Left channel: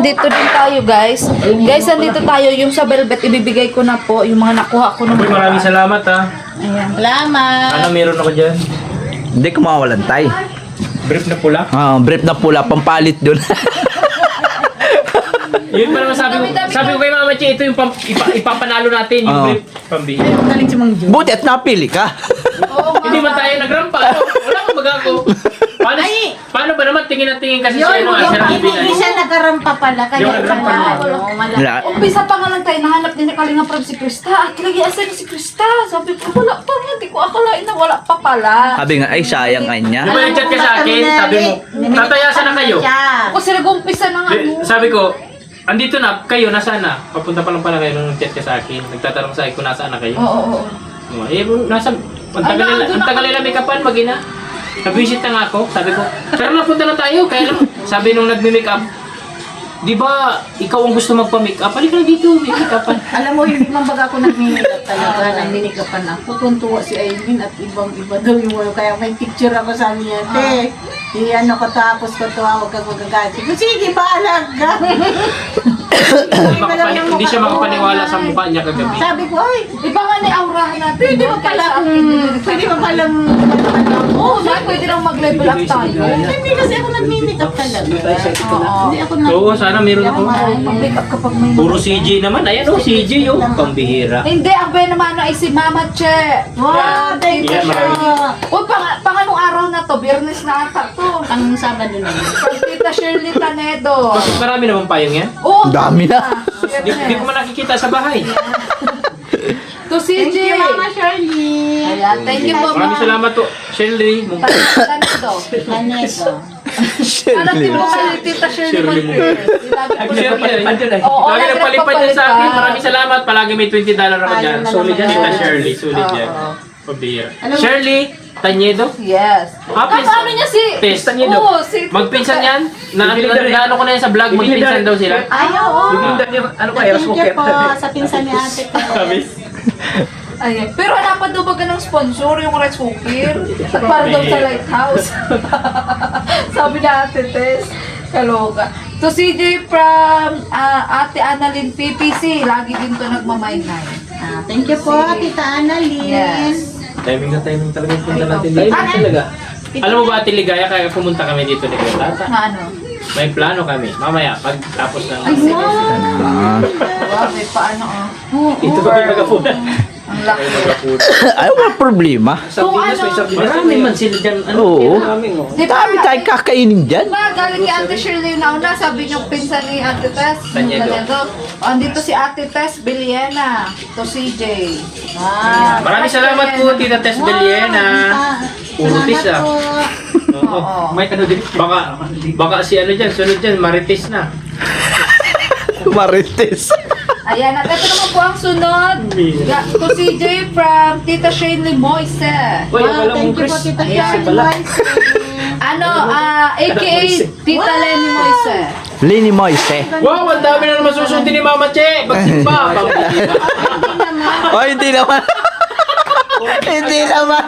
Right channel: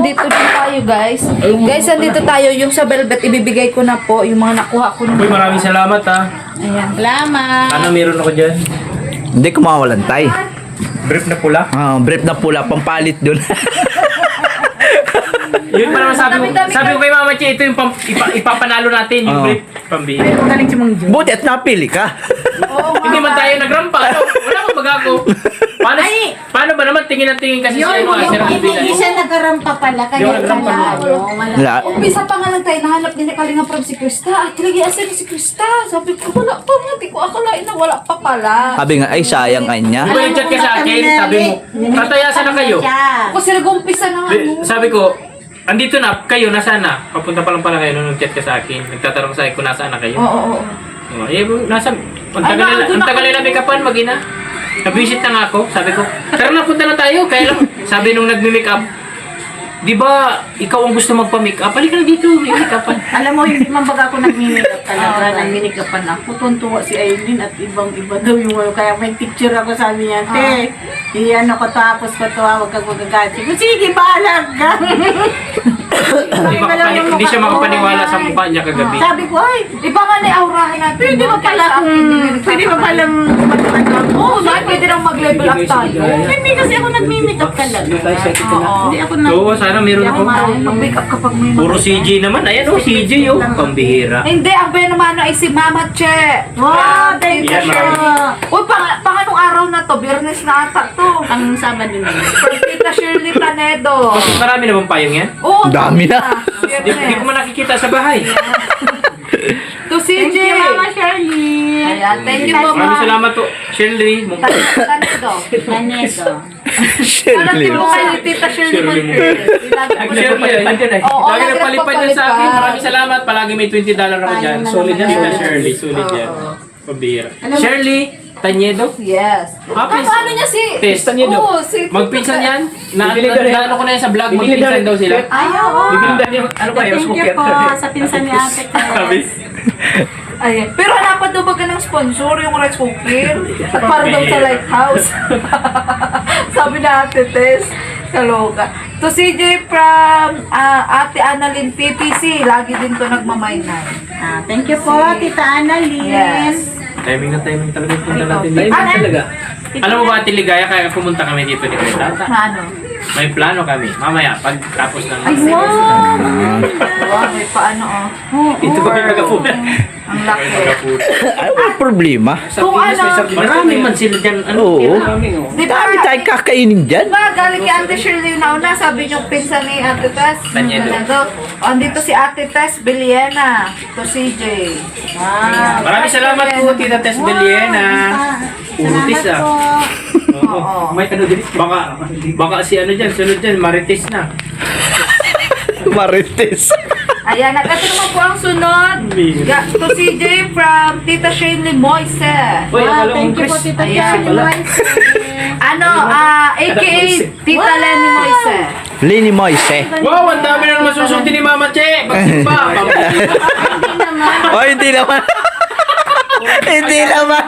andito din tayo guys. Guys, andito tayo. Yung sa velvet, ibibigay ko na po. Yung mga nakuha ko Uy, ng... maraming salamat ha. Ayan. Salamat. Ano meron ako dyan? Hindi ko mawalan tay. Brief na pula. Brief na pula, pampalit dun. Yun pa naman sabi ko kay Mama Che, ito yung ipapanalo natin, yung Oo. brief. Pambili. Galing si Mang Jo. Buti at napili ka. Oo nga. Hindi man tayo nagrampa. No? Wala kang magagawa. Paano ba naman tingin na tingin kasi sa Yun, ano? Sa hindi siya nagkarampa pala. Kaya Yung nagkarampa Wala. Umpisa pa nga lang tayo, nahanap din ni Kalinga from si Krista. At lagi asan ni si Krista. Sabi ko, wala pa nga. Di ko akalain na wala pa pala. Sabi nga, ay sayang ay niya. Di ba yung chat ka sa akin? Sabi mo, tatayasan na kayo. Kasi nag-umpisa na nga. no? Sabi ko, andito na, kayo, nasaan na? Papunta pa lang pala kayo nung nag-chat ka sa akin. Nagtatanong sa akin kung nasaan na kayo. Oo. Eh, nasa, ang tagal nila make upan, mag-ina. Nag-visit na nga ako, sabi ko, pero napunta na tayo, kaya lang, sabi nung nagmi-make up, di ba, ikaw ang gusto magpa-make up, halika na dito, may make upan. Alam mo, hindi man baga ako nag-make-up talaga. Nag-make-upan ako. Tuntua si Aileen at ibang-iba daw yung ano. Kaya may picture ako sabi niya, te, ano ko tapos ko to, huwag kang magagasin. Sige, bahalag ka. Hindi siya makapaniwala sa mukha niya kagabi. Sabi ko, ay, Iba nga na aurahin natin. pwede ba pala pwede ba palang ano? Oo, pwede nang mag-level up tayo. Hindi kasi ako nag-make-up talaga. Oo. Hindi ako nag- Oo, sana meron ako. Mag-make up kapag may... Puro CJ naman, ayan o, CJ o, pambihira. Hindi, ang benamano ay si Mama Che. Wow, thank you, Yeah, sir. Uy, pang anong araw na to? Biyernes na ata to. Ang Sabado na. From Tita Shirley Tanedo. Bakit marami naman payong yan? Oo, Dami na. Di ko man nakikita sa bahay. To CJ. Thank you, Mama Shirley. Ayan, thank you, Mama. Maraming salamat po, Shirley. Tanedo. Maneto. Alam mo kay Tita Shirley Shirley Monte. Oo, Lagi nagpalipad yan sa akin. Maraming salamat. Palagi may $20 ako dyan. Ayun na Solid yan, naman. Tita Shirley. Solid yan. Oo. Pambihira. Alam mo- Shirley Tañedo. Yes. Ah, please. Ano niya si... Tess, Tañedo. Oo, si... Magpinsan yan. Naano ko na yan sa vlog. Magpinsan daw sila. Ay, oo. Ano Thank you po sa pinsan ni Ate Tess. Ay, pero hanapan daw ba ka ng sponsor yung rice cooker? At para daw sa lighthouse. Sabi na Ate Tess. Kaloka. To CJ from Ate Annalyn PPC. Lagi din to nagmamaynay. Thank you po, Tita Annalyn. Yes. Timing na timing talaga yung punta natin. Ano? talaga. Alam mo ba, Ate Ligaya, kaya pumunta kami dito ni Greta? Na ano? May plano kami. Mamaya, pag tapos ng... Ay, wow! Wow, may paano oh. Ito kami kagapunan. Ang laki. Ay, walang problema. Kung ano, Marami man sila dyan. Oo. di ba? Dami tayong kakainin dyan. Diba, galing kay Ate Shirley na una, sabi niyo pinsan ni Ate Tess. Tañedo. Andito si Ate Tess Biliena. To CJ. Wow. Maraming salamat po, Tita Tess Beliena. Urutis Salamat po. Oo. May ano din. Baka si ano dyan, sunod dyan, Marites na. Marites. Ayan, at ito naman po ang sunod. To CJ from Tita Shirley Moise. Uy, akala Thank mo, you po, Chris. Tita Ayan. Shirley. Ano, aka Tita Lenny Moise. Lini Moise. Wow, ang dami na naman susunod ni Mama Che. Magsimba. Oh, hindi naman. Hindi naman.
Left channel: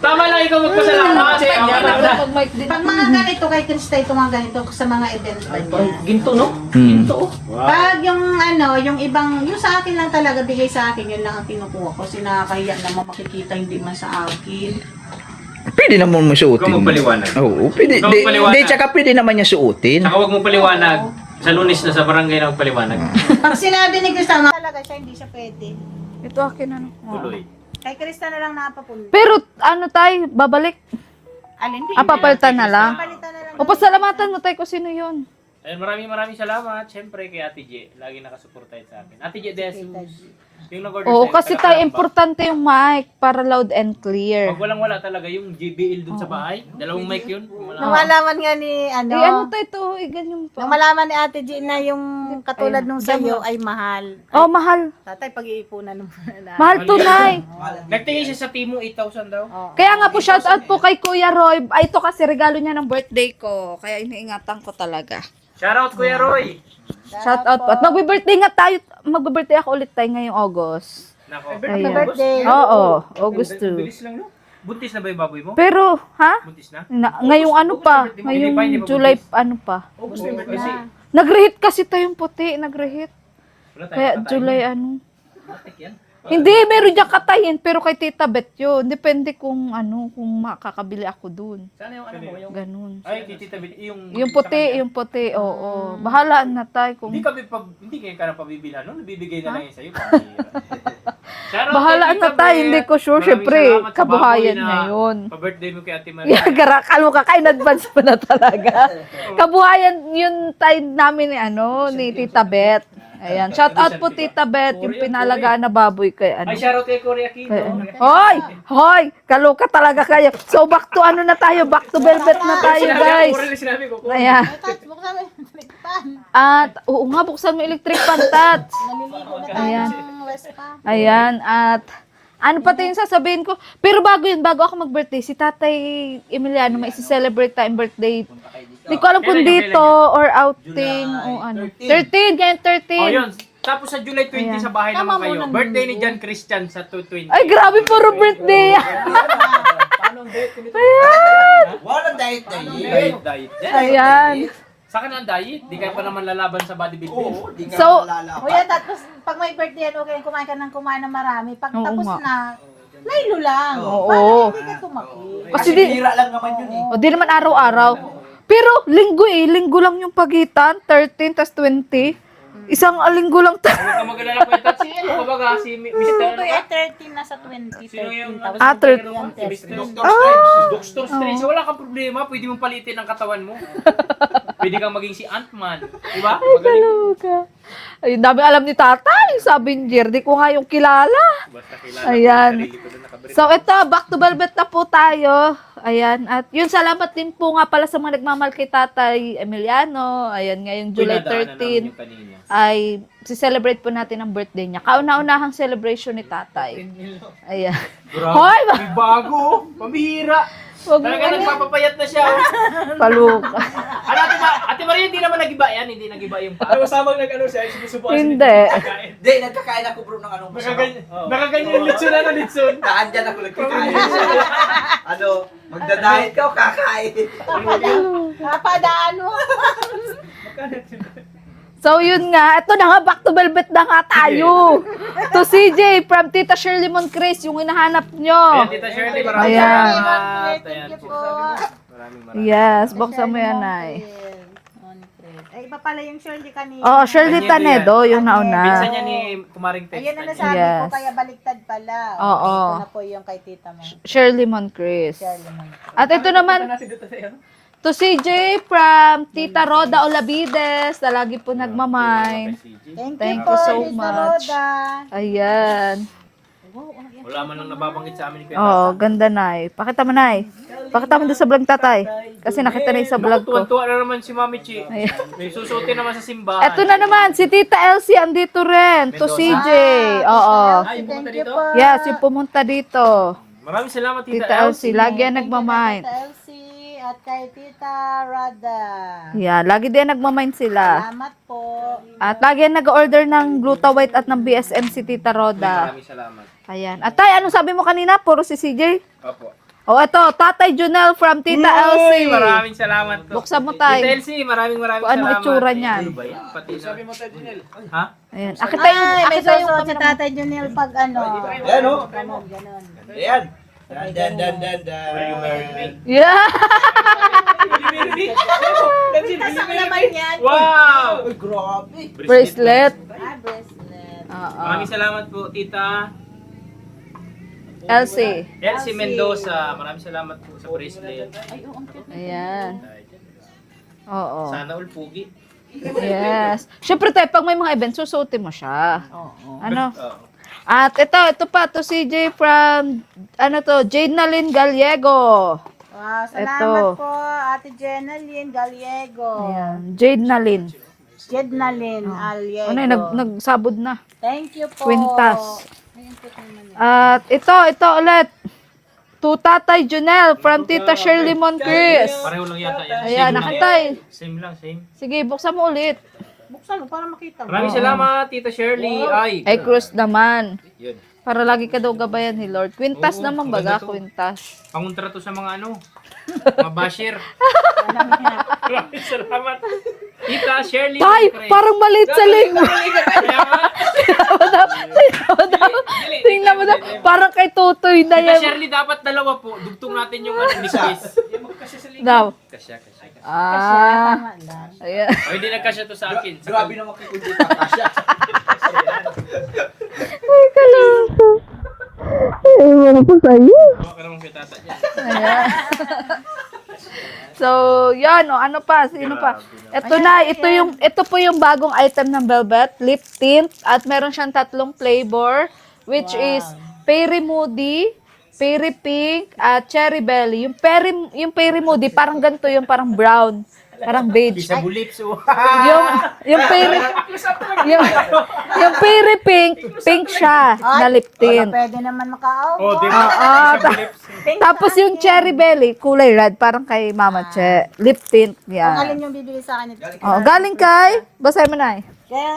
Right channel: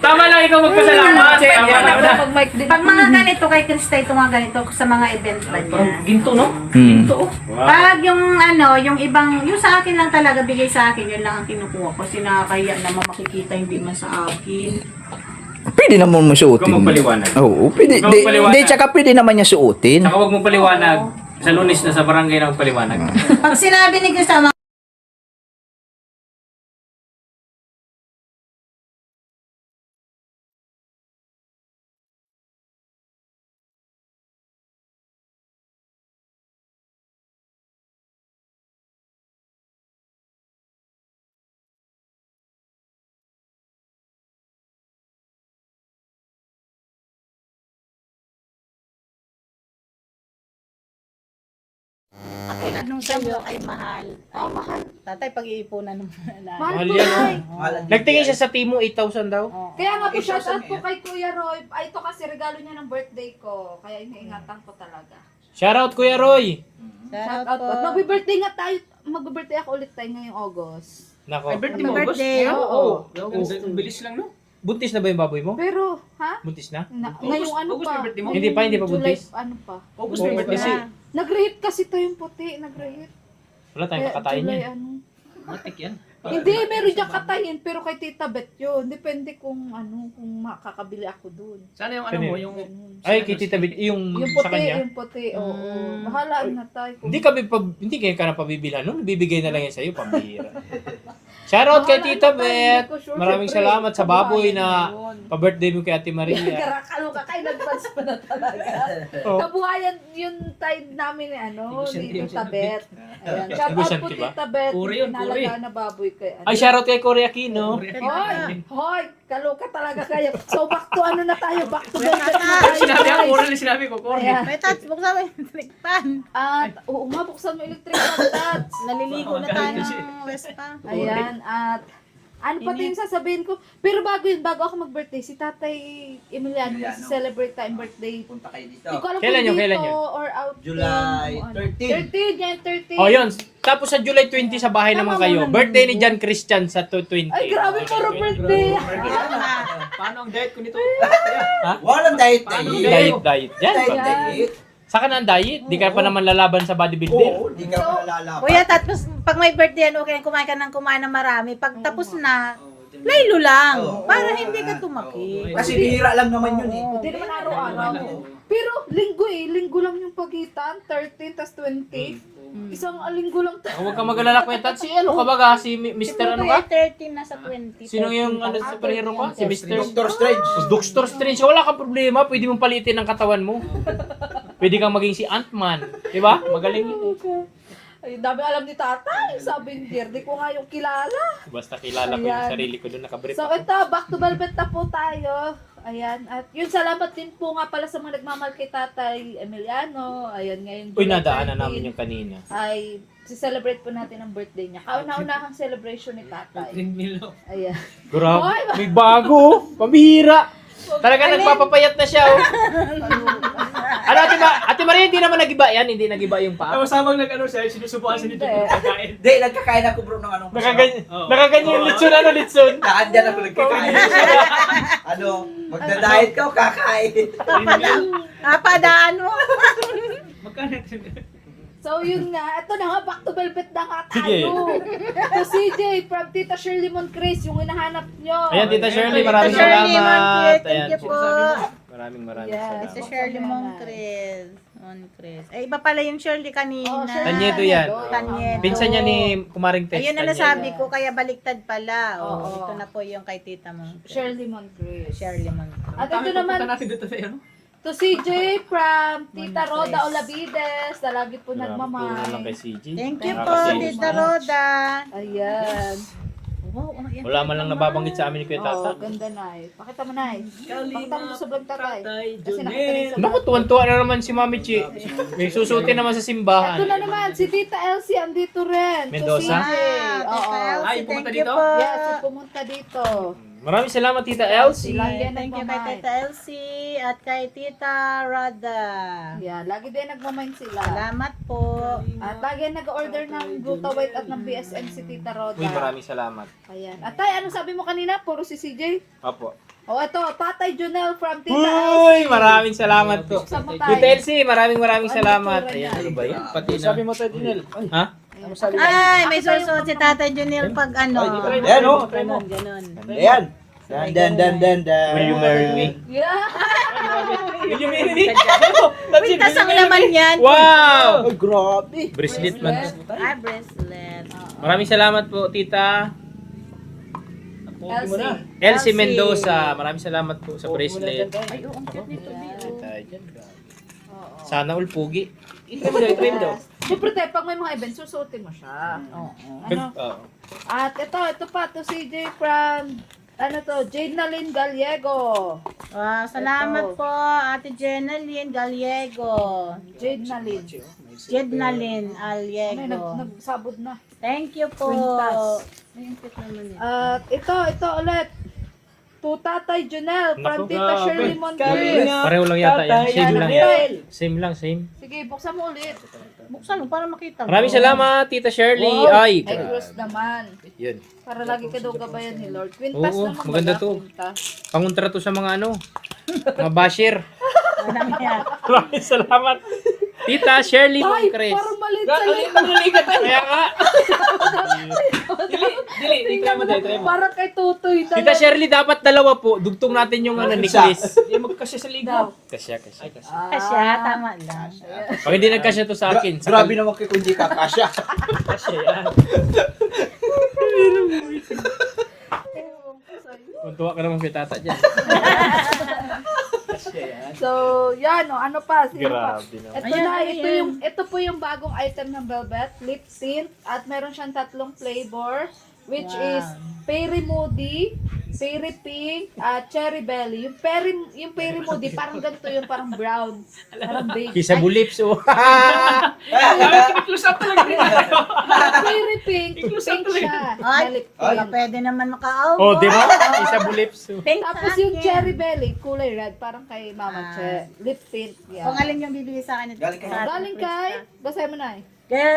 Tama lang ikaw magpasalamat. Ayan ako pag mic din. Pag mga ganito kay Krista, ito mga ganito sa mga event ba niya. Ginto, no? Hmm. Pag yung ano, yung ibang, yung sa akin lang talaga, bigay sa akin, yun lang ang kinukuha ko. Kasi nakakahiya naman makikita, hindi man sa akin. Pwede naman mo suotin. Ikaw magpaliwanag. Oo, pwede. Ikaw magpaliwanag. Hindi, tsaka pwede naman niya suotin. Saka huwag mong paliwanag. Sa Lunes na sa barangay na magpaliwanag. Pag sinabi ni Krista, talaga siya, hindi siya pwede. Ito akin ano. Tuloy. Kay Krista na lang napapunta. Pero ano tayo, babalik. Alin, hindi. Papalitan na lang. Papalitan na lang. O pasalamatan mo tayo kung sino yun. Ayun, maraming salamat. Siyempre kay Ate J. Lagi nakasuporta sa akin. Ate J Desus. Yung nag-order Oo, sa'yo, kasi tayo taga-Kalamba. importante yung mic para loud and clear. Pag walang-wala talaga yung JBL dun sa bahay. Dalawang mic yun. Nung malaman nga ni, ano, Ano tayo to? Ganyan nung pa. malaman ni Ate G na yung katulad nung sa'yo ay mahal. Oh, mahal. Tatay, pag-iipunan mo na. Mahal tunay. Nagtingin siya sa Timo 8,000 daw. Kaya nga po shout out po kay Kuya Roy. Ay, ito kasi regalo niya ng birthday ko. Kaya iniingatan ko talaga. Shoutout Kuya Roy. Shout out po. At magbe-birthday nga tayo. Magbe-birthday ako ulit tayo ngayong August. Nako. Ayan. Birthday. Oo, August 2. Bilis lang, no? Buntis na ba yung baboy mo? Pero, ha? Buntis na? Ngayong ano pa? Hindi pa, hindi Ngayong pa July, buntis. ano pa? August na yung birthday si... Nag-reheat kasi tayong puti, nag-reheat. Wala tayong Kaya kakatayin July yan. ano. Matik yan. Hindi, meron diyang katayin, pero kay Tita Bet yun. Depende kung makakabili ako dun. Sana yung ano mo, yung... Ganun. Ay, kay Tita Bit, yung Yung sa kanya. puti, oo. Bahala na tayo kung... Hindi kayo ka na pabibilhan nun. Bibigay na lang yan sa'yo, pambihira. Shoutout kay Bahala Tita na tayo, Bet. hindi ko sure. Maraming Siyempre, salamat sa baboy kabuhayan na ngayon. pa-birthday mo kay Ate Maria. Yan, garakal mo ka in advance pa na talaga. Kabuhayan yun tayo namin ni Tita Bet. Ayan, shout out po Tita Bet, yung pinalagaan na baboy kay Ay, shoutout kay Cory Aquino. Hoy, kaloka talaga kayo. So back to na tayo, back to velvet na tayo, guys. Sinabi ko, Cory. Ayan. May tats, buksan mo yung electric fan. At, oo nga, buksan mo electric fan, Tats. Naliligo na tayo ng West Ham. Ayan, at ano pa yung sasabihin ko? Pero bago ako mag-birthday, si Tatay Emiliano may isi-celebrate tayong birthday. Hindi ko alam kung Kailan yun? dito or outing July o ano. 13. 13, ngayon 13. Oh, yun. Tapos sa July 20 sa bahay naman kayo. Birthday ni John Christian sa 20. Ay, grabe, puro birthday. Paano ang diet ko nito? Walang diet na yun. Diet. Yan. Ayan. Saka na ang diet. Di ka pa naman lalaban sa bodybuilder. Oo, di ka So, malalaban. Kuya, tapos pag may birthday yan, okay, kumain ka ng marami. Pag Oo tapos nga. na, laylo lang. Oo. Para hindi ka tumaki. Kasi Kasi bihira lang naman yun eh. O, di naman araw-araw. Pero linggo lang yung pagitan, 13 tas 20. Isang linggo lang Huwag ka mag-alala ko ito. Si ano ka ba? Si Mr. ano ka? 13 na sa 20. Sino yung ano Ah, sa hero ka? Si Mr. Doctor Strange. Doctor Strange. Wala kang problema. Pwede mong palitin ang katawan mo. Pwede kang maging si Ant-Man. Diba? Magaling. Ay, dami alam ni Tatay. Sabi ni Jer, di ko nga yung kilala. Basta kilala ko Ayan. yung sarili ko doon nakabrief. So ito, back to velvet na po tayo. Ayan, at yun, salamat din po nga pala sa mga nagmamahal kay Tatay Emiliano. Ayan, ngayong July Pinadaanan namin 13 yung kanina. ay si-celebrate po natin ang birthday niya. Kauna-unahang celebration ni Tatay. Ayan. Grabe. Hoy, May bago. Pambihira. Wag Talaga mo- nagpapapayat na siya. Oh. Paluka. Ano, Ate Maria, hindi naman nagiba yan. Hindi nagiba yung paa. Tapos habang nag-ano siya, sinusubukan Hindi. Hindi, nagkakain ako bro ng anong Nakaganyan yung litson na litson. Naandyan ako nagkakain. Ano, magda-diet ka o kakain? Napadaan mo. So yun nga, ito na nga, back to velvet na nga tayo. To CJ from Tita Shirley Moncrief, yung hinahanap nyo. Ayan, Tita Shirley, maraming Ayan. salamat. Shirley, thank Ayan, you po. Maraming. Yes, buksan mo yan, Nay. Eh, iba pala yung Shirley kanina. Oh, Shirley Tanedo Tanedo, yung nauna. Pinsan niya ni Kumaring Tex. Ayun na nasabi Yes. ko, kaya baliktad pala. Oo. Ito na po yung kay tita mo. Shirley Moncrief. Shirley mo. At ito naman, to CJ from Tita Roda Olavides, na lagi po nagmamay. Thank Thank you po, you so Tita much. Roda. Ayan. Wow, ano yan? Wala man lang nababanggit sa amin ni Kuya Oh, Tata. ganda, Nay. Pakita mo, Nay. Pakita mo doon sa vlog, Tatay. Kasi nakita na yung sa vlog ko. Tuwan-tuwa na naman si Mami Chi. May susutin naman sa simbahan. Ito na naman, si Tita Elsie andito rin. To Mendoza. CJ. Oo. Ay, pumunta Thank you dito? po. Yes, yung pumunta dito. Maraming salamat, Tita Tita Elsie. Elsie, lagi yan Thank you kay nagmamind. Tita Elsie at kay Tita Roda. Yeah, lagi din nagmamind sila. Salamat po. At lagi yan nag-order ng Glutawite at ng BSM si Tita Roda. Maraming salamat. Ayan. At tay, anong sabi mo kanina? Puro si CJ? Apo. Oh, ito, Tatay Junel from Tita Uy, Elsie. maraming salamat po. Buksan mo tayo. Tita Elsie, maraming Ano salamat. itsura niyan? Ano ba yan? Pati na. Sabi mo tayo, Junel. Ha? Ayan. Akit tayo. Ay, may susunod si Tata Junil pag ano. Ayan o. Ganon, ganon. Ayan. Dan. Will you marry me? Yeah. Will you marry me? Pintas ang laman yan. Wow! Ay, grabe. Bracelet. Ah, bracelet. Maraming salamat po, Tita Elsie. Elsie Mendoza. Maraming salamat po sa bracelet. Ay, oo, ang cute nito. Ayan. Oo. Sana all pugi. Yes. Siyempre tayo, pag may mga events, susuotin mo siya. Oo. Ano? Oo. At ito pa, to CJ from, Jade Nalyn Gallego. Wow, salamat Ito. po, Ate Jenaline Gallego. Jade Nalyn. Jednalyn Gallego. Ano yun, nagsabod na. Thank you po. Quintas. Ay, ang cute naman yan. At ito ulit. To Tatay Junel from Tita Shirley Moncrief. Pareho lang yata yan. Ayan, Same lang. nakatay. Same lang, same. Sige, buksan mo ulit. Buksan mo para makita mo. Maraming salamat, Tita Shirley. Ay, Ay, Cruz naman. yun. Para lagi ka daw gabayan ni Lord. Quintas Oo, naman maganda baga, to. Quintas. Pangontra to sa mga mga basher. Walang yan. Maraming salamat. Tita Shirley Tay, Lucres. parang maliit sa linggo. Kaya nga. Tingnan mo daw, parang kay Tutoy na Tita yan. Shirley, dapat dalawa po. Dugtong natin yung necklace. Yung magkasya sa linggo. Daw. Kasya. Kasi tama lang. Ayan. Pwede nagkasya to sa akin. Grabe naman kay kundi kakasya. Tuwa ka naman kay tata dyan. So, yan, o, ano pa, sino pa? Ito po yung bagong item ng Velvet, lip tint, at meron siyang 3 flavor, which is Peri Moody, Peri Pink, at Cherry Belly. Yung Peri Moody, parang ganito yung parang brown, parang beige. Kisa bulips, oh. Yung Peri Pink, pink siya, na lip tint. Pwede naman makaaw. Oh, di ba? Kisa bulips. Tapos yung Cherry Belly, kulay red, parang kay Mama Che. Lip tint, Kung yan. alin yung bibili sa akin. Oh, galing kay, basahin mo na eh.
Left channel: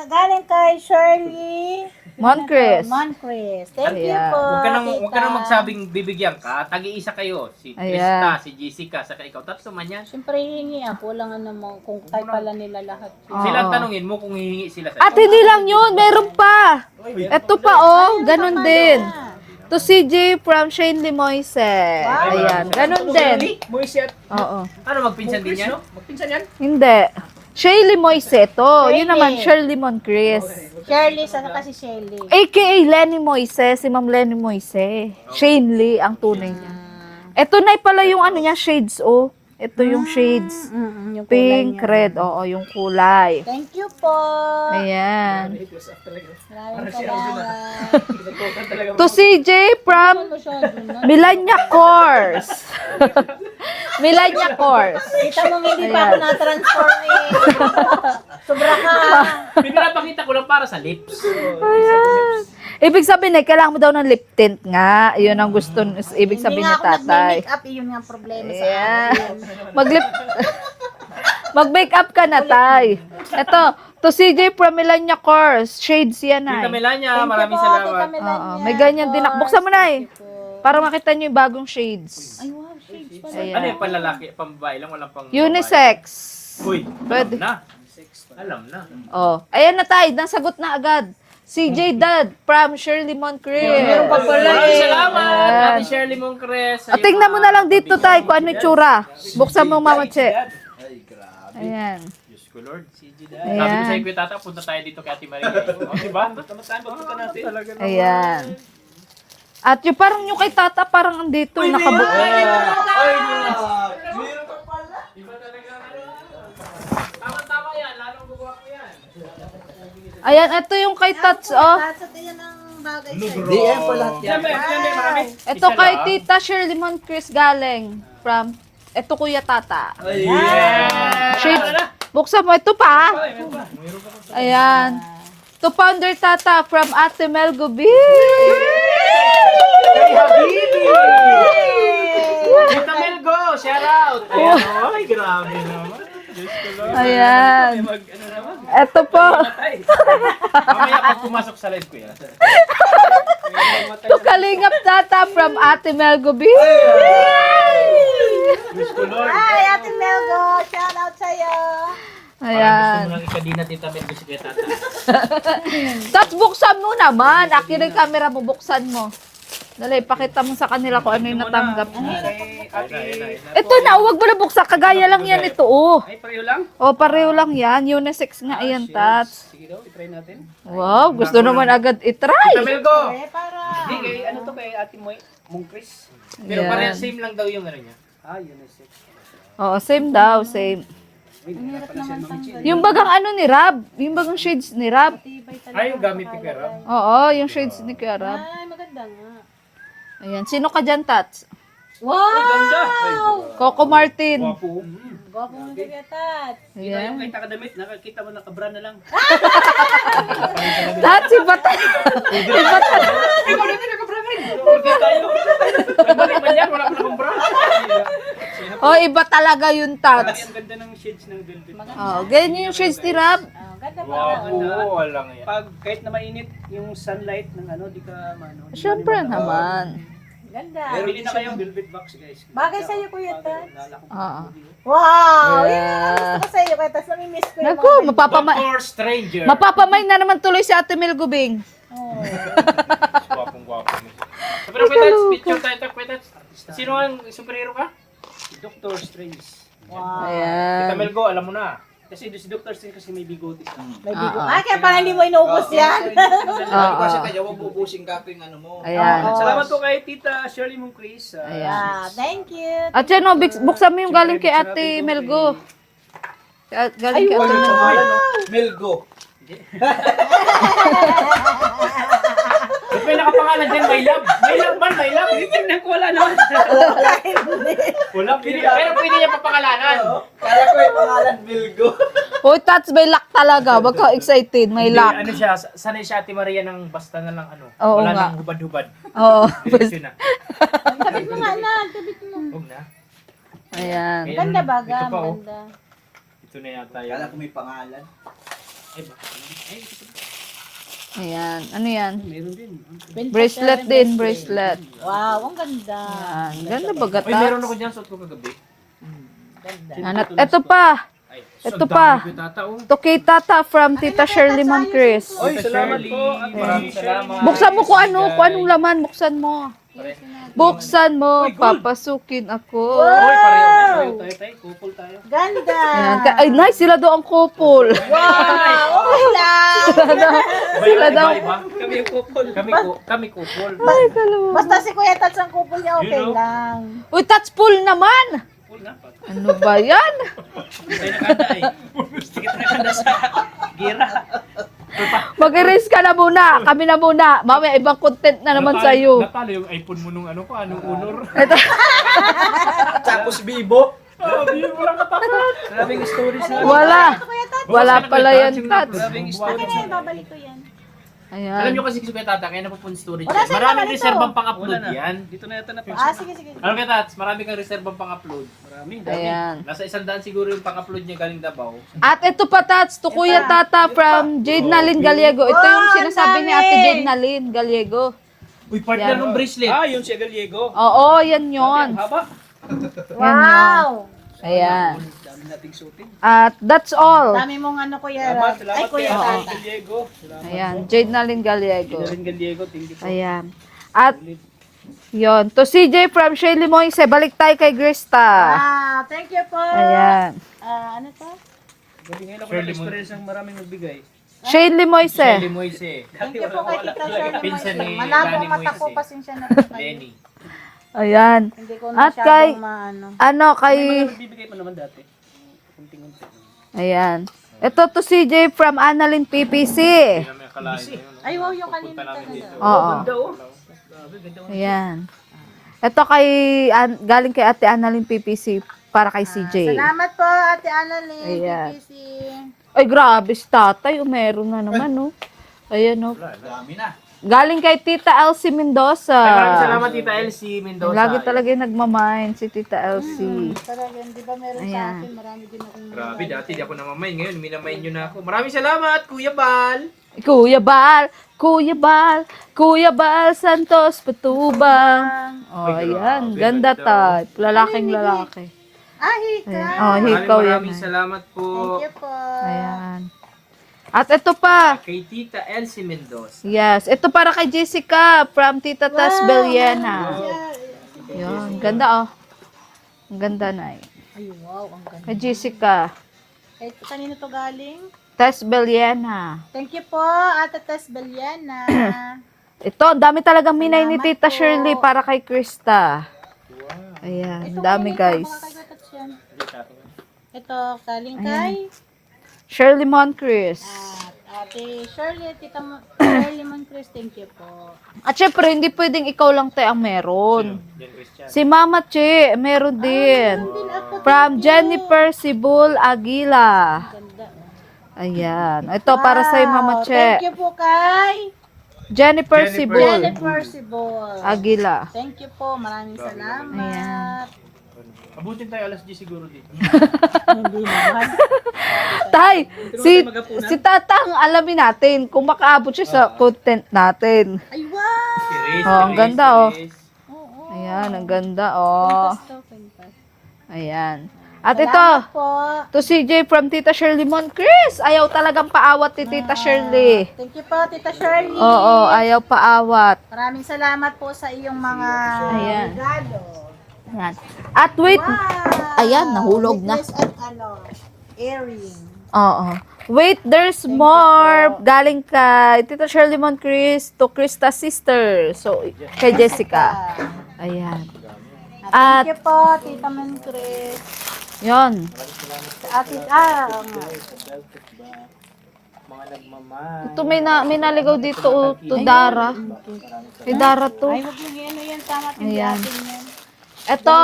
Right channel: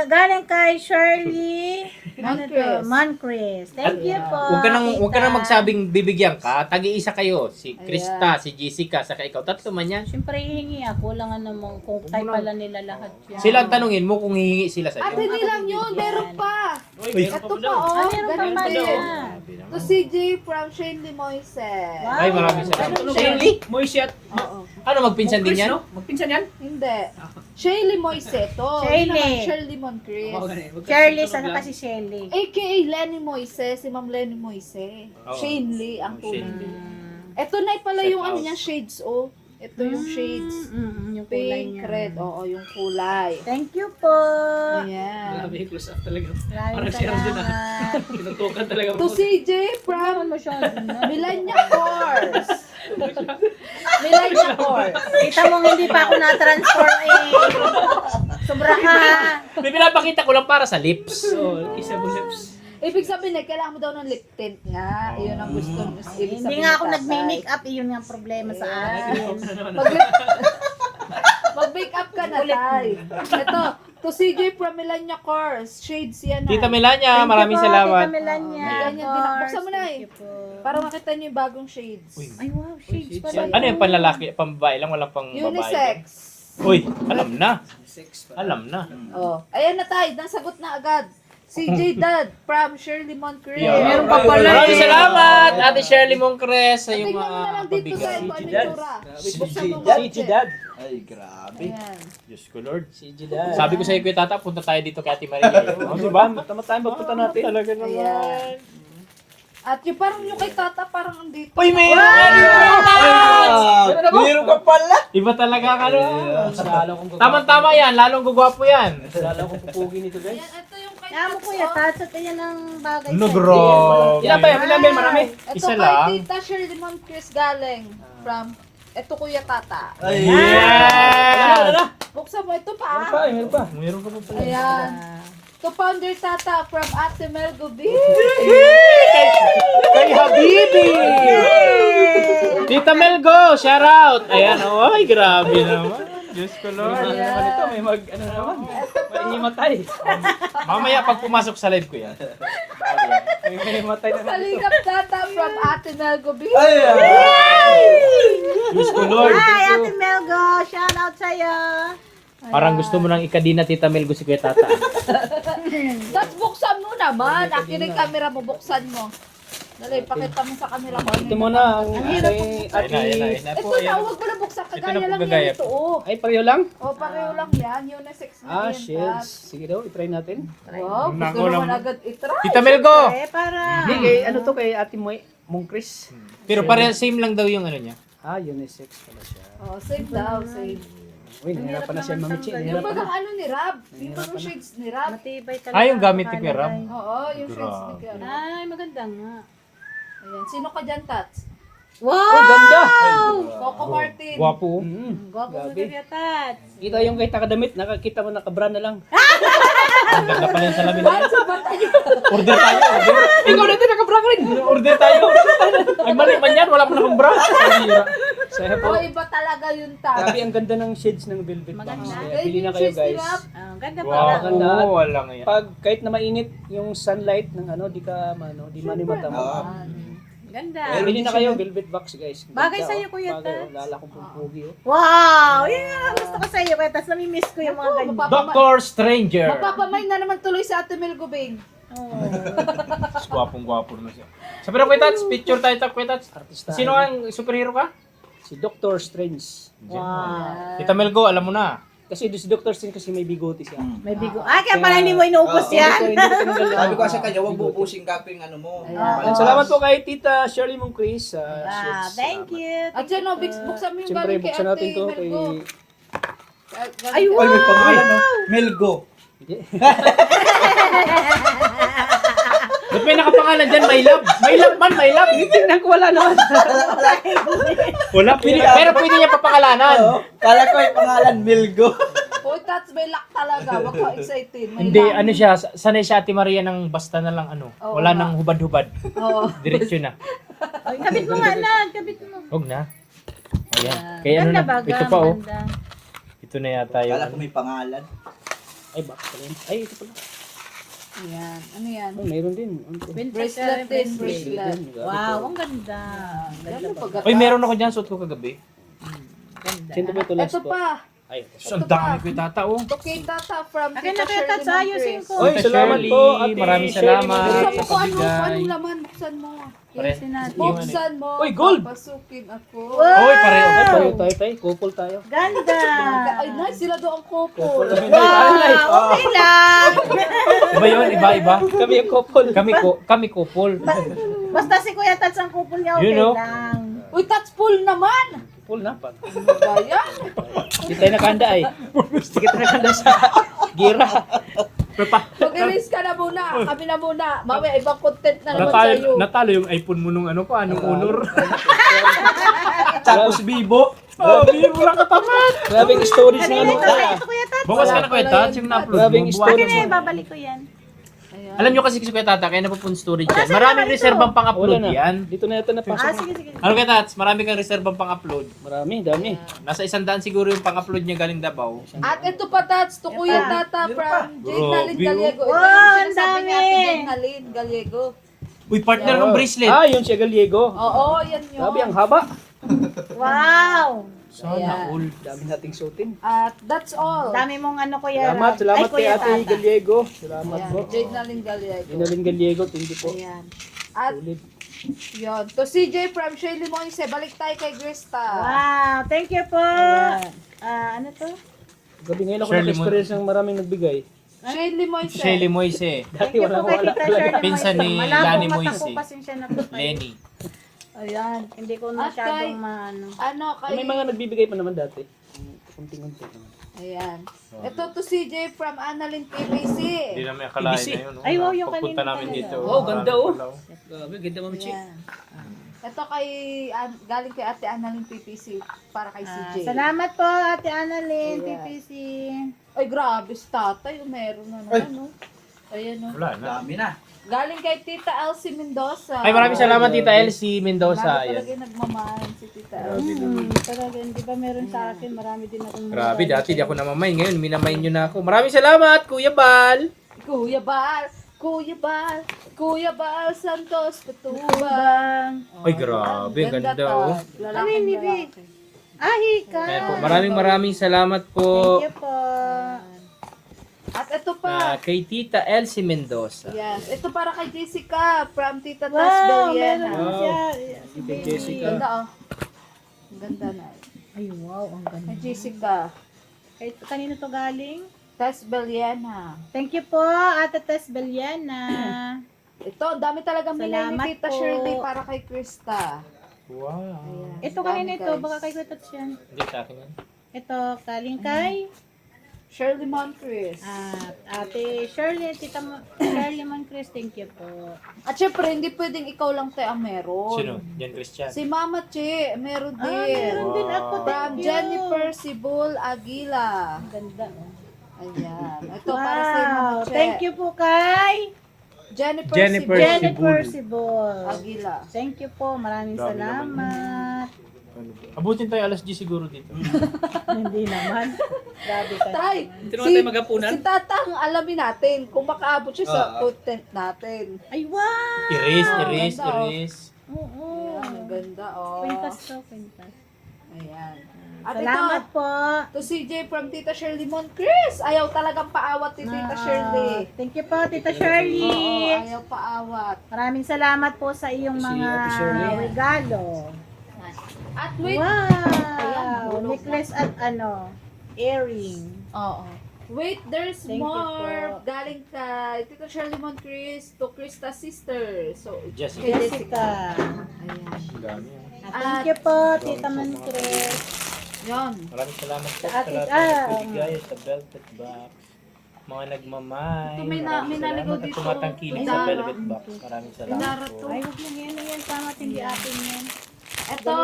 Galing kay Shirley Moncrief. Thank you Ayan. po. Huwag ka nang magsabing bibigyan ka. Tagi-isa kayo. Si Krista, Ayan. si Jessica, saka ikaw. 3 man yan. Siyempre hihingi ako lang naman kung kay pala nila lahat. Sila ang tanungin mo kung hihingi sila sa At hindi lang yun, meron pa. Ito pa oh, ganun din. To CJ from Shane Limoise. Ayan, ganun din. Moishet. Oo. Ano, magpinsan din yan? Magpinsan yan? Hindi. Shirley Moise ito. Yun naman, Shirley Moncrief. Shirley, sana kasi Shirley. AKA Lenny Moise, si Ma'am Lenny Moise. Shane Lee ang tunay niya. Ito na pala yung ano niya, shades oh. Ito yung shades. Yung kulay Pink, niya. red, oo, yung kulay. Thank you po. Ayan. Maraming salamat. To CJ from Milanya Course. Milanya Course. Kita mo hindi pa ako na-transfer eh. Sobra ka. Pinapakita ko lang para sa lips. Kisa bulips. Ibig sabihin kailangan mo daw ng lip tint nga. Yun ang gusto, ibig Hindi sabihin nga ni ako tatay. nag-make up, yun nga ang problema sa akin. Mag-make up ka na, tay. Ito, to CJ from Milanya Course. Shades yan ay. Tita Melania, maraming salamat. Oo, may ganyan din. Buksan mo na eh. Para makita niyo yung bagong shades. Ay, wow, shades pala. Ano yung panlalaki, pambabae lang, walang pang Unisex. Uy, alam na. Alam na. Oh, ayan na tay, nasagot na agad. CJ Dad from Shirley Moncrief. Meron pa pala Maraming eh. salamat, Ate Shirley Moncres. O, tingnan mo na lang dito tay kung ano yung tsura. Buksan mo Mama Che. Ay, grabe. Ayan. Diyos ko Lord. Sabi ko sa iyo, Kuya Tata, punta tayo dito kay Ate Maria. O, diba? Tama tayo, magpunta natin. Talaga naman. Ayan. At yung parang yung kay Tata parang andito Uy, may Meron ka pala. Iba talaga ang ano. Tama-tama yan, lalong gugwapo yan. Ayan, ito yung kay Tats, oh. Tatsat yan ang bagay No, sa'yo. bro. Ilan ba yun? Ilan ba yun? Marami? Ito Isa kay lang. Tita Shirley Moncrief galing from ito Kuya Tata. Yeah! Buksan mo ito pa. Meron pa ba? Ayan. To Founder Tata from Ate Mel Gubi. Kay Habibi! Tita Melgo, shout out! Ayan, oy, grabe naman. Diyos ko Lord. Ayan. Ano naman? Ito po. Mamaya pag pumasok sa live ko yan. To Kalingap Tata from Ate Mel Gubi. Diyos ko Lord. Hi, Ate Melgo. Shout out sa'yo. Parang gusto mo nang ikadina Tita Melgo si Kuya Tata. Tats, buksan mo naman. Akin yung camera mo, buksan mo. Dali, pakita mo sa kanila kung ano yung natanggap. Ayun na. Ito na, huwag mo na buksan. Kagaya lang yan ito, oh. Ay, pareho lang? O, pareho lang yan. Unisex nga yan, Tats. Sige daw, itry natin. Wow, gusto naman agad itry. Tita Melgo! Para. Hindi, kay ano to kay Ate Mongkris. Pero pareho, same lang daw yung ano niya. Ah, unisex pala siya. Oo, same daw, same. Uy, nahirapan na siya mamichin. Yung bagang ano ni Rab, yung bagang shades ni Rab. Matibay talaga. Ay, yung gamit ni Kuya Ram. Oo, yung shades ni Kuya Rab. Ay, maganda nga. Ayan, sino ka dyan, Tats? Wow! Coco Martin. Guwapo. Gwapo mo na tat. Kita yung kay takadamit, nakakita mo nakabra na lang. Tats, iba tayo. Ikaw natin nakabra rin. Order tayo. Ay, mali man yan. Wala pa na akong bra. Oh, iba talaga yung Tats. Sabi ang ganda ng shades ng velvet. Oh, ganyan yung shades ni Rab. Ganda pa. Wow, Ganda. wala nga yan. Pag kahit na mainit yung sunlight ng ano, di ka ano. di Siyempre malimatang. naman. Ganda. Bili na kayo, velvet box guys. Bagay Ganda, sa'yo, oh. Kuya Bagay, Tats. Lala ko Oo. pogi, oh. Wow! Yan ang gusto ko sa'yo. Kaya tas namimiss ko yung Naku, mga ganyan. Doctor Stranger. mapapamay na naman tuloy si Ate Mel Gubing. Oh. Gwapong-gwapo na siya. Sabi na, Kwetats, picture tayo, Kwetats. Artista. Sino ang superhero ka? Si Doctor Strange. Wow. Kita Melgo, alam mo na. Kasi si Doctor Strange kasi may bigote siya. May bigo. Ah, kaya pala hindi mo inuubos yan. Sabi ko sa kanya, huwag bubusing kaping ano mo. Ayan. Salamat po kay Tita Shirley Mong Chris. Ah, thank you. At yan, buksan mo yung galing kay Ate Melgo. Galing kay Ay, Ate may pangalan, no? Melgo. Ba't may nakapangalan dyan? My love. My love man, my love. Tingnan ko wala naman. Wala. Pero pwede niya papakalanan. Kala ko yung pangalan, Melgo. Hoy, Tats, may luck talaga. Wag ka excited, may Hindi, luck. ano siya, sanay siya Ate Maria ng basta na lang ano. Oo Wala nga. nang hubad-hubad. Oo. Diretsyo na. Kapit mo nga na. Kapit mo. Huwag na. Ayan. Kaya ano Ganda na, baga. ito pa oh. Ganda. Ito na yata yun. Kala ko may pangalan. Ay, box pa rin. Ay, ito pala. Ayan. Ano yan? Oh, meron din. Bracelet din, bracelet. Wow, ang ganda. Ayan. Ganda ba gata? Ay, meron ako dyan, suot ko kagabi. Ganda. Ito pa. Ay, Ito ang pa. dami ko yung tata oh. Ito kay Tata from Tita Shirley Mong Chris. Oy, salamat Shirley, po. Ate maraming salamat. Buksan mo kung kung anong laman. Buksan mo. Pare. Buksan mo. Uy, gold. Papasukin ako. Oy, pareho. Tayo, tayo. Couple tayo. Ganda. Ayan. Ay, nice. Sila doon ang couple. Okay lang. Iba yun, iba-iba. Kami yung couple. Kami couple. Basta si Kuya Tats ang kupol niya, okay Yun, no? lang. Uy, touch full naman. Couple na pa. Ano ba yan? Hindi tayo nakanda eh. Sige tayo nakanda sa gira. Mag-erase ka na muna. Kami na muna. Mamaya ibang content na naman sa'yo. Natalo yung iPhone mo nung ano ko, anong honor. Tapos Bibo. Grabing storage na. Wala. Ito Kuya Tats. Wala pala yan, Tats. Grabing storage. Okay na, babalik ko yan. Ayan. Alam nyo kasi si Kuya Tata, kaya napupun storage Wala, yan. saan Maraming naman ito? reservang Wala pang-upload na. yan. Dito na ito na pa. Ah, sige, sige. Ano Kuya Tats, marami kang reservang pang-upload. Marami, dami. Ayan. Nasa 100 siguro yung pang-upload niya galing Davao. At ito pa, Tats, to Kuya Tata from Jade Nalin Gallego. Ito yung Oh, sinasabi ni ang Ate dami. Jade Nalin Gallego. Uy, partner ng bracelet. Ah, yun si Gallego. Oo, yan Grabe, yun. ang haba. Wow. Ayan. Dami nating suotin. At that's all. Dami mong ano, Kuya. Salamat kay Kuya Ate Tata. Gallego. Salamat Ayan, po. Jade Nalin Gallego. Rin Gallego, thank you po. Ayan. At Ulit. yon, to CJ from Shirley Moise, balik tayo kay Grista. Wow, thank you po. Ayan. Ano to? Gabi ngayon ako Shirley nag-experience ng maraming nagbigay. Shirley Moise. Shirley Moise. Thank you po kay Tita Shirley Pinsan Moise. ni Malabo Lani mata ko, Moise. pasensya na po kayo. Lenny. Ayan. Hindi ko At kay- masyadong maano. Ano, May mga kay... nagbibigay pa naman dati. Kunting-kunti. Ayan. Ito to CJ from Annalyn PPC. Hindi namin akalain na yun. no? Ay, wow, yung Pagpunta kanina namin dito. Oo. Ganda oh. Grabe, ganda mo. Ayan. Ito kay... galing kay Ate Annalyn PPC para kay CJ. Salamat po, Ate Annalyn, Ayan. PPC. Ay, grabe si tatay. Meron na naman, no? Ayan, no? Wala na. Dami na. Galing kay Tita Elsie Mendoza. Ay, maraming salamat Tita Elsie Mendoza. Lagi talaga yung nagmamind si Tita Elsie. Talaga, di ba meron sa Ayan. akin, marami din akong Grabe, dati di ako namamain. Ngayon, minamain nyo na ako. Maraming salamat, Kuya Bal. Kuya Bal, Kuya Bal, Kuya Bal Santos Patubang. Oh, Ay, ayan. grabe, Ganda ganda, type. Lalaking Ano yung lalaki. Hika. Oh, Maraming salamat po. Thank you po. Ayan. At ito pa. Kay Tita Elsie Mendoza. Yes. Ito para kay Jessica from Tita Tess Beliana. meron siya. Ayan. Ganda, oh. Ang ganda na eh. Ay, wow, ang ganda. Kay Jessica. Kahit kanino to galing? Tess Beliana. Thank you po, Ate Tess Beliana. Ito, ang dami talagang minay ni Salamat Tita po. Shirley para kay Krista. Wow. Ayan. Ito Dami, kanino guys. to? Baka kay Kuya Tats yan. Hindi sa akin yan. Ito, galing kay Shirley Moncrief. at Ate Shirley, Tita Shirley Moncrief, thank you po. At syempre, hindi pwedeng ikaw lang tayo ang Sino? meron. Jan Christian. Si Mama Che, meron din. Meron din ako, From thank you. Jennifer Sibul Aguila. Ganda. Ayan. Ito para sa Mama Wow, Che. Thank you po kay Jennifer Jennifer. Sibul Jennifer Sibol. Aguila. Thank you po, maraming Grabe salamat. Abutin tayo alas 10 siguro dito. Hindi naman. Grabe tayo. Tay, Tinuro si, tayo mag-apunan. si Tatang alamin natin kung makaabot siya sa content natin. Ay, wow! Iris, Oh, Iris, ganda, oh. Iris. Oo. Ayan, ang ganda, oh. Ayan. At ito, Salamat po. to CJ from Tita Shirley Moncrist. Ayaw talagang paawat ni Tita Shirley. Thank you po, Tita Shirley. Oo, ayaw paawat. Maraming salamat po sa iyong mga Ayan. regalo. Ayan. At wait, Wow! Ayan, nahulog na. Necklace at earring. oo. Wait, there's more. Galing kay Tita Shirley Moncrist to Krista's sister. So, kay Jessica. Ayan. Thank you po, Tita Moncres. Yon. Maraming salamat po At guys sa belt at back. Mga nagmamay. Ito may naligaw dito to Dara. Maraming Kay salamat. Dara to. ay, huwag mo yan, tama Ayan. atin yan. Ito.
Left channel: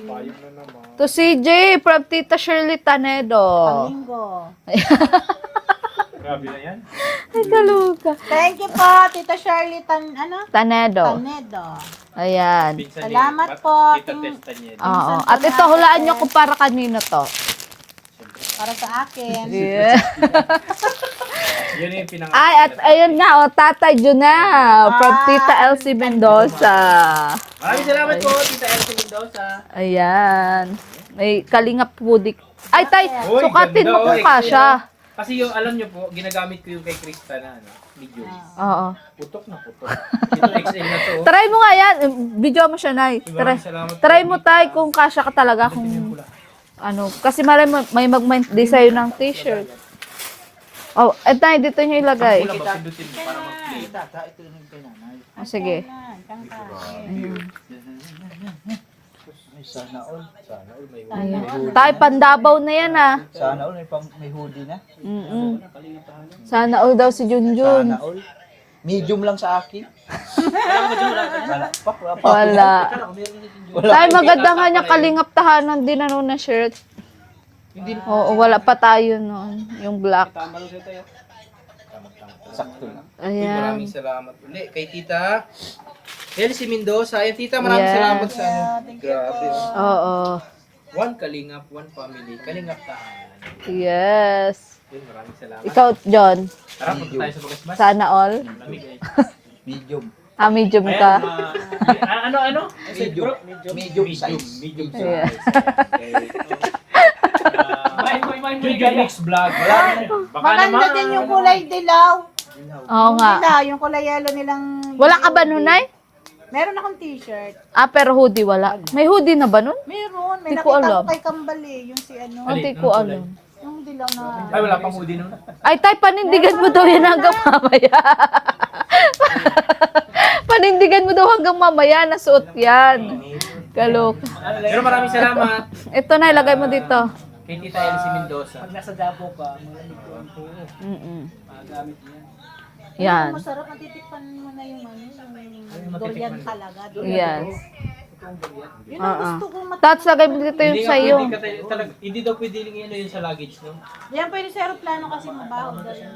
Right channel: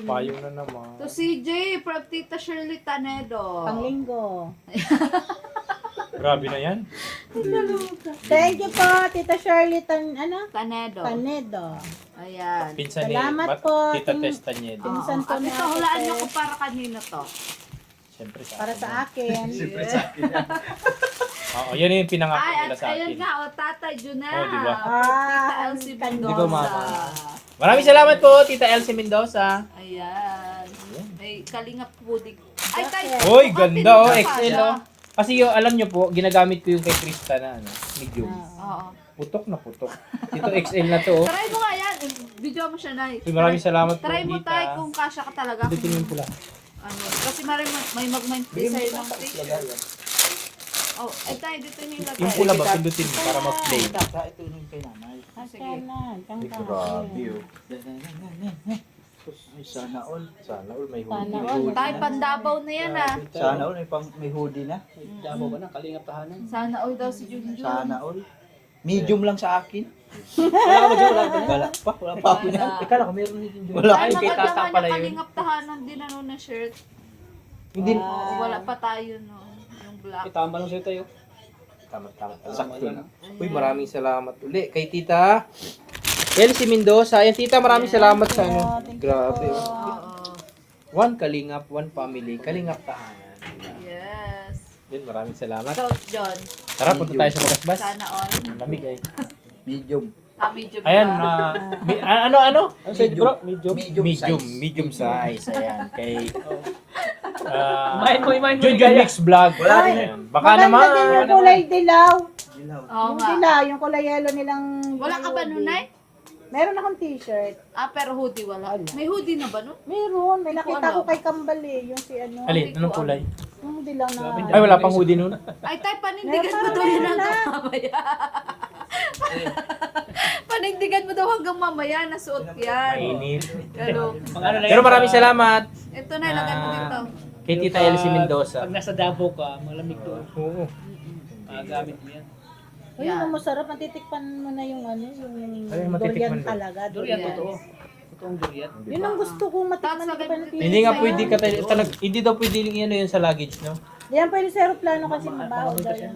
Payo na naman. To CJ from Tita Shirley Tanedo. Panglingo. Grabe na yan. Ay, kaluka. Thank you po, Tita Shirley Tanedo. Tanedo. Ayan. Pinsan Salamat po, Kita Ting- testa niya. Oo. At ito, hulaan nyo kung para kanino to. Siyempre. Para sa akin. Yeah. Yan yung pinangalan. Ay, at ayun na, o, Tatay Juna from Tita Elsie Mendoza. Maraming salamat po, Tita Elsie Mendoza. Ayan. May kalingap pudik. Ay, tay, Uy, sukatin ganda, mo oh, kung kasha. Kasi yung, alam nyo po, ginagamit ko yung kay Krista na, medium. Oo. Putok na putok. Ito XL na to. Try mo nga yan. Video mo siya, Nay. Maraming salamat po, Try mo, Tita. tay, kung kasha ka talaga. Kung, ano, kasi malay mo, may mag-design ng t-shirt. Oh, eh, tay, dito nyo ilagay. Ang pula magpindutin para mag-play. Ah, sige. Sana all. Sana all may huli. Tay, pandabaw na yan, ah. Sana all. May hoodie na. Mm-mm. Sana all daw si Junjun. Sana all. Medium lang sa akin. Wala pa. Wala pa. Wala. Tay, maganda nga niya kalingap tahanan din ano na shirt. Hindi. Oo, wala pa tayo noon. Yung black. Tama lang sa'yo tayo. Tama-tama. Sakto na. Uy, Ayan. maraming salamat uli kay Tita Elsie Mendoza. Ayan, Tita, maraming Yeah. salamat sa ano. Grabe. Oo. One kalingap, one family. Kalingap tahanan. Yes. Yun, maraming salamat. Ikaw, John. Tara, punta tayo sa Bagasbas. Sana all. Lamig ay. Medium. Medium Ayan, ka. ano? Medium. Bro? Medium size. Medium size. Ayan, kay... Junjun Mix Vlog. Wala rin. Baka Maganda naman. din yung kulay dilaw. Oo nga. Dilaw, yung kulay yellow nilang... Wala ka ba nun, Nay? Meron akong t-shirt. Ah, pero hoodie wala. May hoodie na ba nun? Meron. May Di ko nakita alam. ko kay Kambali. Yung si ano. Alin? Hindi ko Anong kulay? alam. Yung dilaw na... Ay, wala pang hoodie nun. Ay, tay, panindigan mo daw yan hanggang mamaya. Panindigan mo daw hanggang mamaya. Nasuot yan. Kalok. Pero maraming salamat Ito na, ilagay mo dito. kay Tita Elsie Mendoza. Pag nasa Davao ka, malamig doon. Oo. Mm-mm. Magamit mo yan. Yan. Ano, masarap. Natitikpan mo na yung ano, Ay, yung matitikman durian ko. talaga. Yes. Itong durian. Yun ang gusto kong Tats, lagay mo dito Hindi yung nga sa'yo. pwede ka tayo, hindi daw pwede yung yun sa luggage, no? Yan pwede sa aeroplano kasi mabaho daw yan.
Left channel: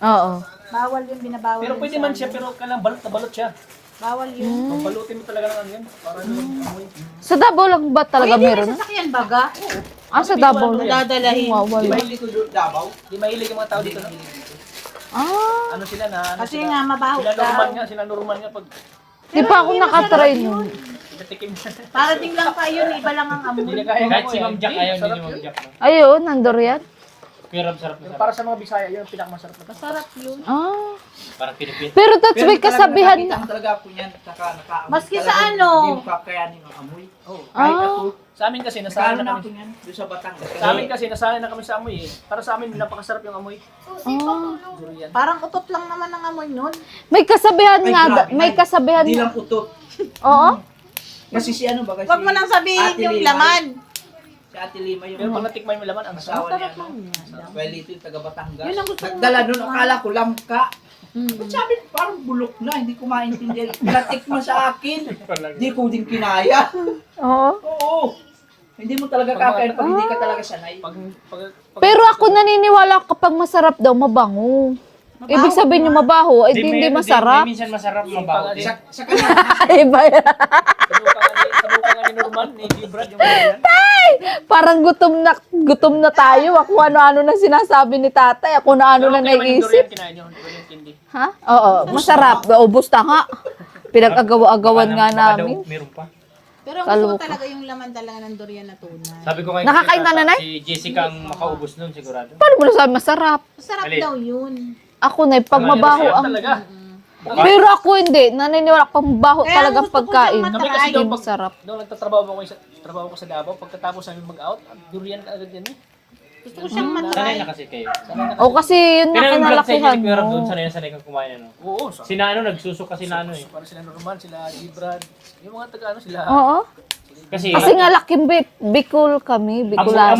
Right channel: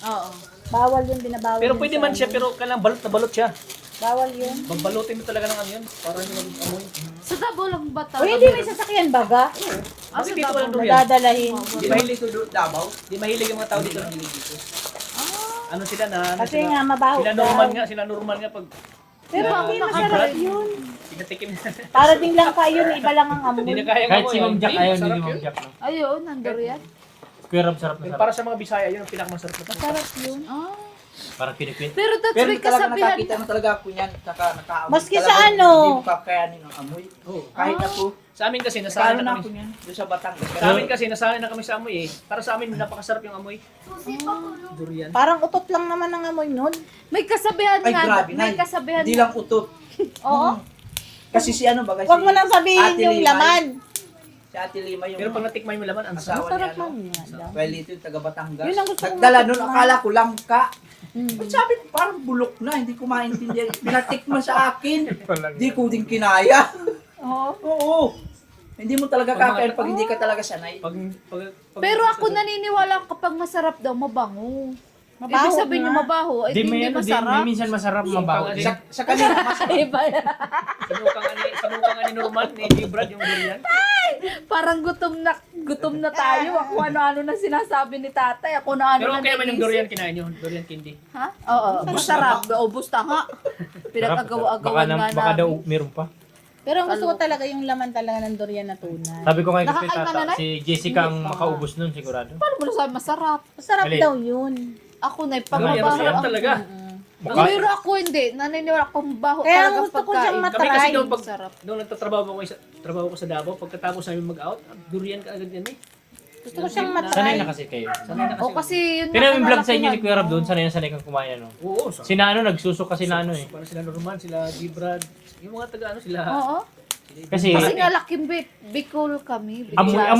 Oo. Bawal yung binabawal. Pero yun pwede sa man ano. siya, pero kailangan balot na balot siya. Bawal yun. Pagbalutin mo talaga ng ano yan. Para naman amoy. Sa Davao lang ba talaga Pwede meron? may sasakyan baga. Ah, sa Davao Ano lang. yan? Dadalahin. Wow, Di wala. ba hindi ito Davao? Di mahilig yung mga tao dito nahilig dito. Ah, Ano sila na? Ano Kasi sila? nga mabaho Sila normal daw. nga, sila normal nga pag di pa ako nakatry nun. pinatikim na. Para din lang kayo, iba lang ang Hindi na amoy. kaya Kahit mo si yan. Ma'am Jack Hindi, ayaw, sarap hindi yun. Ma'am Jack, no? Ayun, nandurian. Pero sarap na sarap. Para sa mga Bisaya, yun ang pinakamasarap na. Masarap yun. Ah. Parang Pilipin. Pero Tats, may kasabihan nakakita na. na talaga ako niyan. Nakaamoy Maski talaga. sa ano? Hindi mo kakayanin ang amoy. Oh, kahit Ah. ako. Sa amin kasi, Lalo nasanay na na ako kami. niyan. Doon sa Batangas. Sa amin kasi, nasanay na kami sa amoy eh. Para sa amin, napakasarap yung amoy. Ah. Durian. Parang utot lang naman ang amoy nun. May kasabihan Ay, nga. grabe, May Nay. kasabihan Hindi nga. lang utot. Oo. Kasi si ano ba? Kasi Huwag mo nang sabihin Ate yung Limay. laman. Si Ate Lima yung Pero pag natikmay mo laman, ang asawa niya. Sarap No? nun. Well, ito yung taga Batangas. Yun ang gusto kong Nagdala nun, akala ko langka. Hmm. Ba't sabi ko, parang bulok na, hindi ko maintindihan. Pinatik mo sa akin. Hindi ko din kinaya. Oo. Oo. Hindi mo talaga kakain pag hindi ka talaga sanay. pag Pero ako naniniwala kapag masarap daw, mabango. Ibig sabihin yung mabaho, ay hindi masarap. Di minsan masarap mabaho din. Sa kanila, Iba yan. sabukan nga ni Norman, ni Brad, yung ganyan. Parang gutom na tayo. Ako ano-ano na sinasabi ni tatay. Ako na ano Pero na okay naman yung durian nag-iisip. kinain nyo, durian candy. Ha? Oo, masarap. Ubus na nga. Pinag-agawa-agawan nga Baka daw namin. meron pa. Pero ang gusto ko Kaloka. talaga yung laman talaga ng durian na tunay. Sabi ko ngayon Nakakain na, nanay? si Jessica ang makaubos nun sigurado. Paano mo nasabi masarap? Masarap Alin? daw yun. Ako na, pag mabaho Masarap ang... talaga. Pero ako hindi. Naniniwala ko pang baho Kaya talagang gusto ko pagkain. siyang Kami kasi doon pag Masarap. doon nagtatrabaho ako sa Davao, pagkatapos namin mag-out, durian ka agad yan eh. Gusto ko siyang Sanay matry. na kasi kayo. Sanay na. O kasi yun na Kaya yung vlog sa inyo, kanalakihan ni Kuya Rob doon, mo. sanay kang kumain ano. Oo, Sina ano, nagsusok kasi na ano eh. Para sila Norman, sila Gibrad. Yung mga taga ano sila. Oo. Kasi, Kasi nga laking Bicol kami. Bicolasan.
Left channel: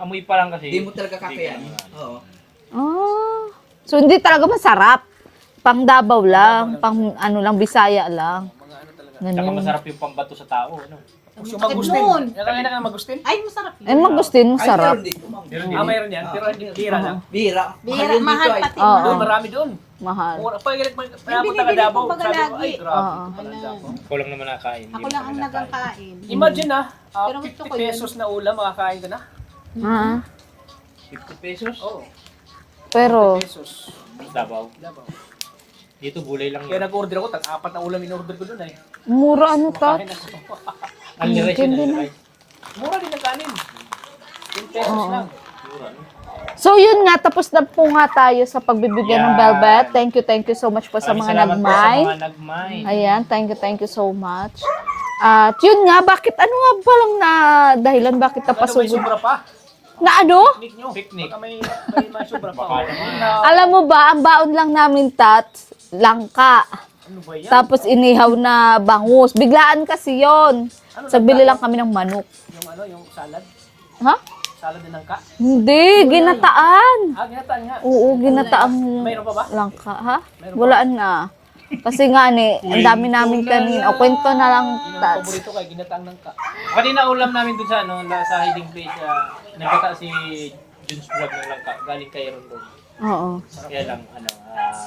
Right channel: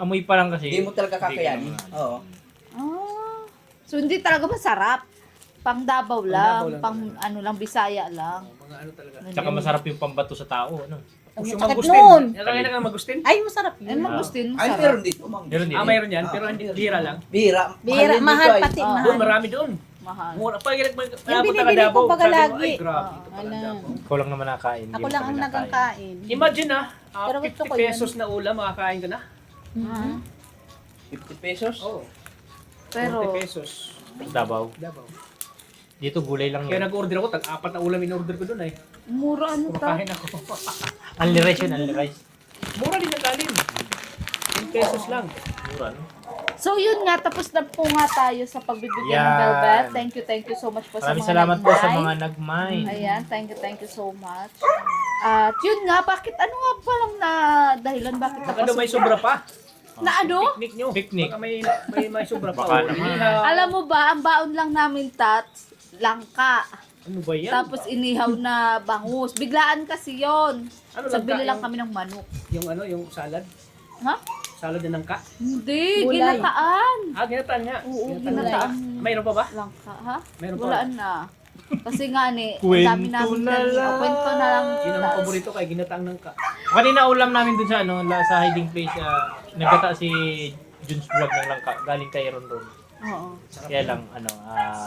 amoy pa lang kasi. Hindi mo talaga kakayanin. Oo. Ah. So hindi talaga masarap. Pang Davao lang, pang ano lang, Bisaya lang. Tsaka masarap yung pambato sa tao. Ano? Ang Yung sakit magustin. nun. Nakakain na kayo magustin? Ay, masarap yun. Ay, magustin, Ay, masarap. meron dito, ma'am. Meron din. Mayroon yan, pero hindi tira lang. Bira. Bira, Mahal mahal dito ay. pati. Oo. Doon, Mahal. marami doon. Mahal. Mura pa, Yung punta ka binibili Davao. ko baga Sabi ko, lagi. ay grabe. Oo. Wala. Ikaw lang naman nakakain. Ako lang ang nagkakain. Imagine na, Pero gusto 50 ko yun. pesos na ulam, makakain ka na. Ah. 50 pesos? Oo, Pero, pesos. Davao. Davao. Dito gulay lang Kaya yun. nag-order ako, tag-apat na ulam in-order ko doon ay. mura ano ta? Makain ako. Only rice yun, only rice. Mura din ang kanin. 10 pesos lang. So yun nga, tapos na po nga tayo sa pagbibigyan ng Yan. Velvet. Thank you so much po sa Maraming mga salamat po sa nagmay. mga nagmay. Ayan, thank you so much. At yun nga, bakit, ano nga ba lang na dahilan, bakit Ano may napasugod? sobra pa? Na ano? Picnic nyo. Picnic. Baka may sobra pa. Baka oh. naman. Alam mo ba, ang baon lang namin, Tats, langka. Ano ba yan? Tapos inihaw na bangus. Biglaan kasi yon. Sagbili lang kami ng manok. Yung ano, yung salad. Ha? Salad din ng ka. Hindi, ginataan. Ginataan nga. Oo, ginataang Mayroon pa ba? langka, ha? Meron pa. Walaan na. Kasi nga ni, ang dami namin kanina. O, kwento na lang, Yun ang Tats. paborito kay ginataan ng ka. Kanina ulam namin dun sa ano, sa hiding place, nagkata si Junes Vlog ng langka, galing kay Rondon. Oo. Kaya lang, ano,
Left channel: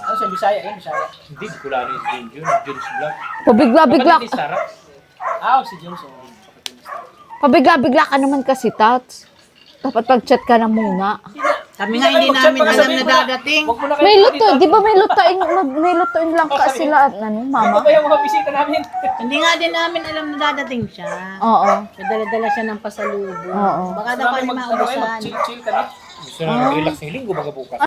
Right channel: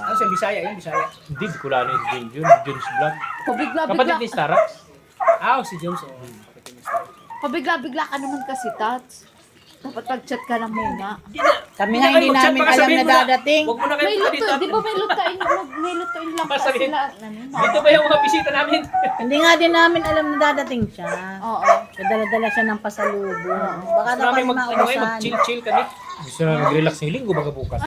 Ano siya, Bisaya yan, Bisaya. hindi ko lang rin Junes Vlog. Pabigla-bigla. Kapatid ni Sarah. Si Johnson. Pabigla-bigla ka naman kasi, Tats. Dapat pag-chat ka na muna. Kami nga hindi namin alam na dadating. Huwag mo na kayo May dito. luto, di ba may lutoin lang ka sila at ano, Dito mama? ba yung mga bisita namin? Hindi nga din namin alam na dadating siya. Oo. Dala-dala siya ng pasalubong. Oo. Baka daw kami maubusan. Mag-chill-chill ka dito. Gusto na mag-relax ng linggo, baga bukas.